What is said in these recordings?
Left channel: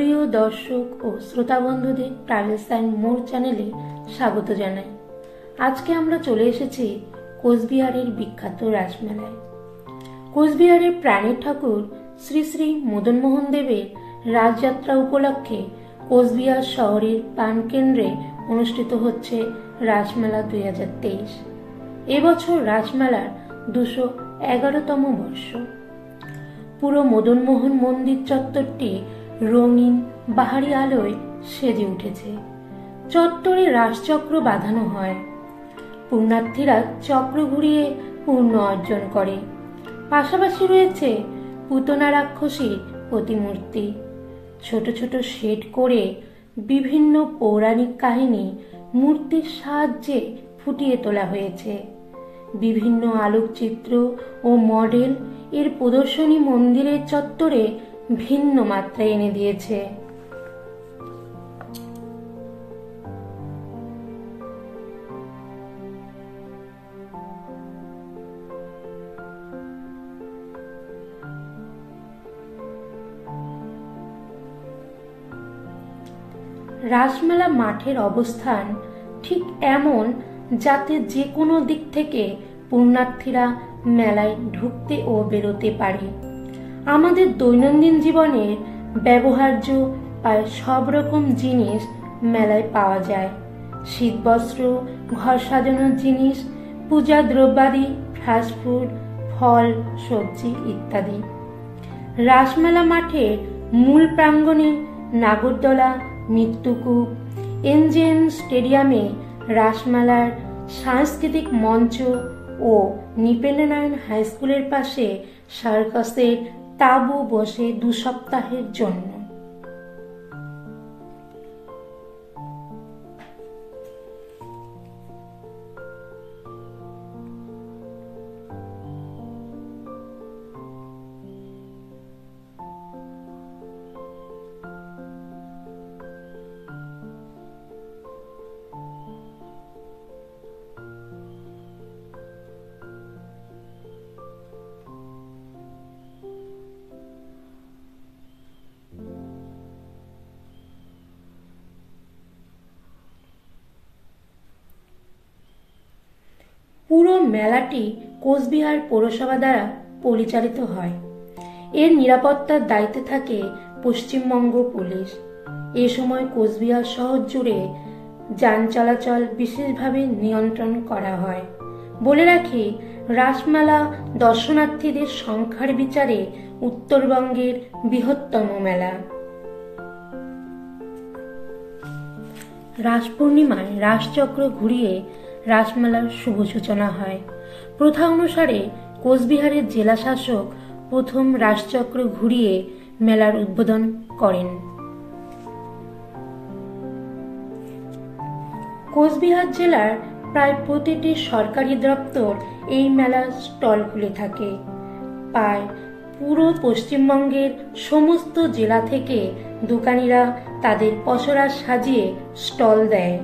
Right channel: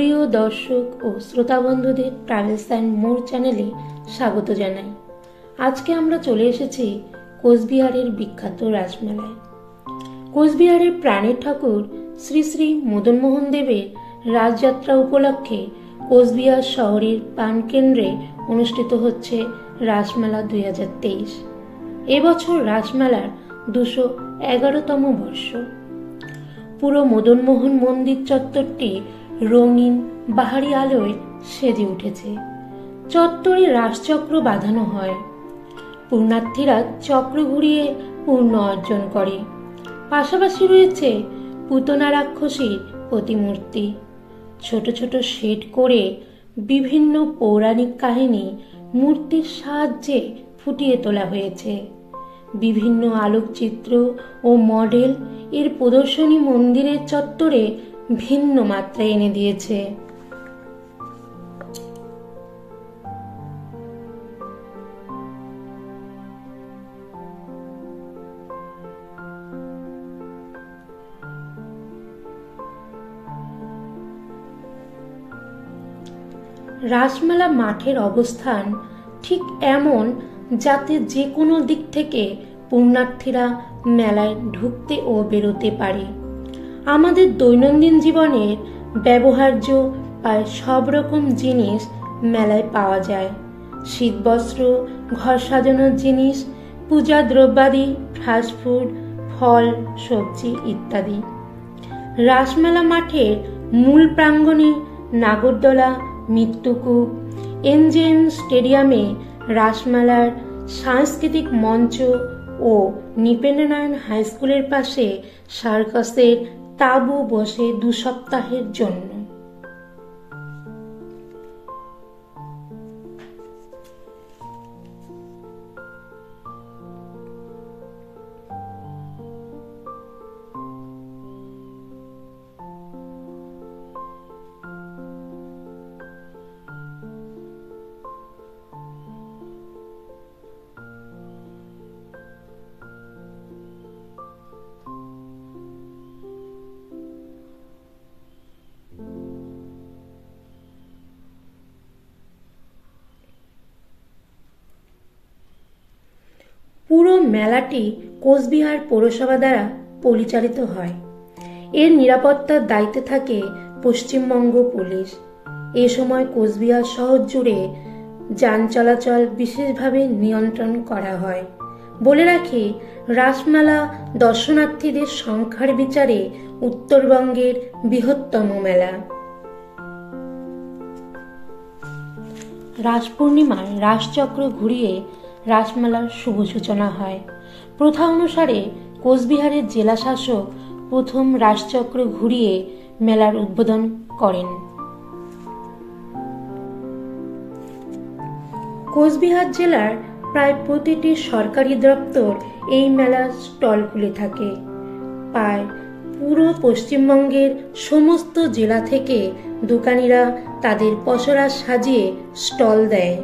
প্রিয় দর্শক ও শ্রোতা বন্ধুদের ট্রাভেলস অ্যান্ড মোর চ্যানেলে স্বাগত জানাই। আজকে আমরা চলে এসেছি কোচবিহারের বিখ্যাত রাসমেলায়। কোচবিহারের প্রাণের ঠাকুর শ্রী শ্রী মদনমোহন দেবের রাজযাত্রা উপলক্ষে কোচবিহার শহরের প্রাণকেন্দ্রে অনুষ্ঠিত হচ্ছে রাসমেলা 2023। এবছর রাসমেলার 211তম বর্ষ। পুরো মদনমোহন মন্দির চত্বরটি রঙিন বাহারি আলোয় সেজে উঠেছে। চত্বরে রাসচক্র বাঁধানো হয়। পুণ্যার্থীরা চক্র ঘুরিয়ে পুণ্য অর্জন করে। পাশাপাশি রয়েছে পুতনা রাক্ষসীর প্রতিমূর্তি। ছোট ছোট শেড করে বিভিন্ন পৌরাণিক কাহিনী মূর্তির সাহায্যে ফুটিয়ে তোলা হয়েছে। বিভিন্ন আলোকচিত্র ও মডেল এর প্রদর্শনী মন্দিরের চত্বরে ভিন্ন মাত্রা এনে দিয়েছে। রাসমেলা মাঠের অবস্থান ঠিক এমন যাতে যে কোনো দিক থেকে পুণ্যার্থীরা মেলায় ঢুকতে ও বেরোতে পারে। আমাদের দৈনন্দিন জীবনের ব্যবহার্য প্রায় সব রকম জিনিস মেলায় পাওয়া যায়। শীতবস্ত্র, ঘর সাজানোর জিনিস, পূজা দ্রব্যাদি, ফাস্টফুড, ফল, সবজি ইত্যাদি। রাসমেলা মাঠের মূল প্রাঙ্গণে নাগরদোলা, মৃত্যুকূপ, এনজেএম স্টেডিয়ামে রাসমেলার সাংস্কৃতিক মঞ্চ ও নৃপেন্দ্রনারায়ণ হাই স্কুলের পাশে সার্কাসের তাঁবু বসে 2 সপ্তাহের জন্য। পুরো মেলাটি কোচবিহার পৌরসভা দ্বারা পরিচালিত হয়। এর নিরাপত্তার দায়িত্বে থাকে পশ্চিমবঙ্গ পুলিশ। এ সময় কোচবিহার শহর জুড়ে যান চলাচল বিশেষভাবে নিয়ন্ত্রণ করা হয়। বলে রাখি, রাসমেলা দর্শনার্থীদের সংখ্যার বিচারে উত্তরবঙ্গের বৃহত্তম মেলা। রাস পূর্ণিমায় রাসচক্র ঘুরিয়ে রাসমেলার শুভ সূচনা হয়। প্রথা অনুসারে কোচবিহারের জেলা শাসক প্রথম রাসচক্র ঘুরিয়ে মেলার উদ্বোধন করেন। কোচবিহার জেলার প্রায় প্রতিটি সরকারি দপ্তর এই মেলার স্টল খুলে থাকে। প্রায় পুরো পশ্চিমবঙ্গের সমস্ত জেলা থেকে দোকানিরা তাদের পসরা সাজিয়ে স্টল দেয়।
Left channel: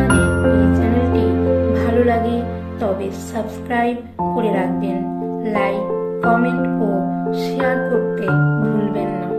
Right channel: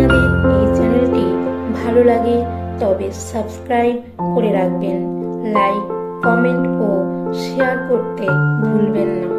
আপনাদের এই চ্যানেলটি ভালো লাগে তবে সাবস্ক্রাইব করে রাখবেন, লাইক, কমেন্ট ও শেয়ার করতে ভুলবেন না।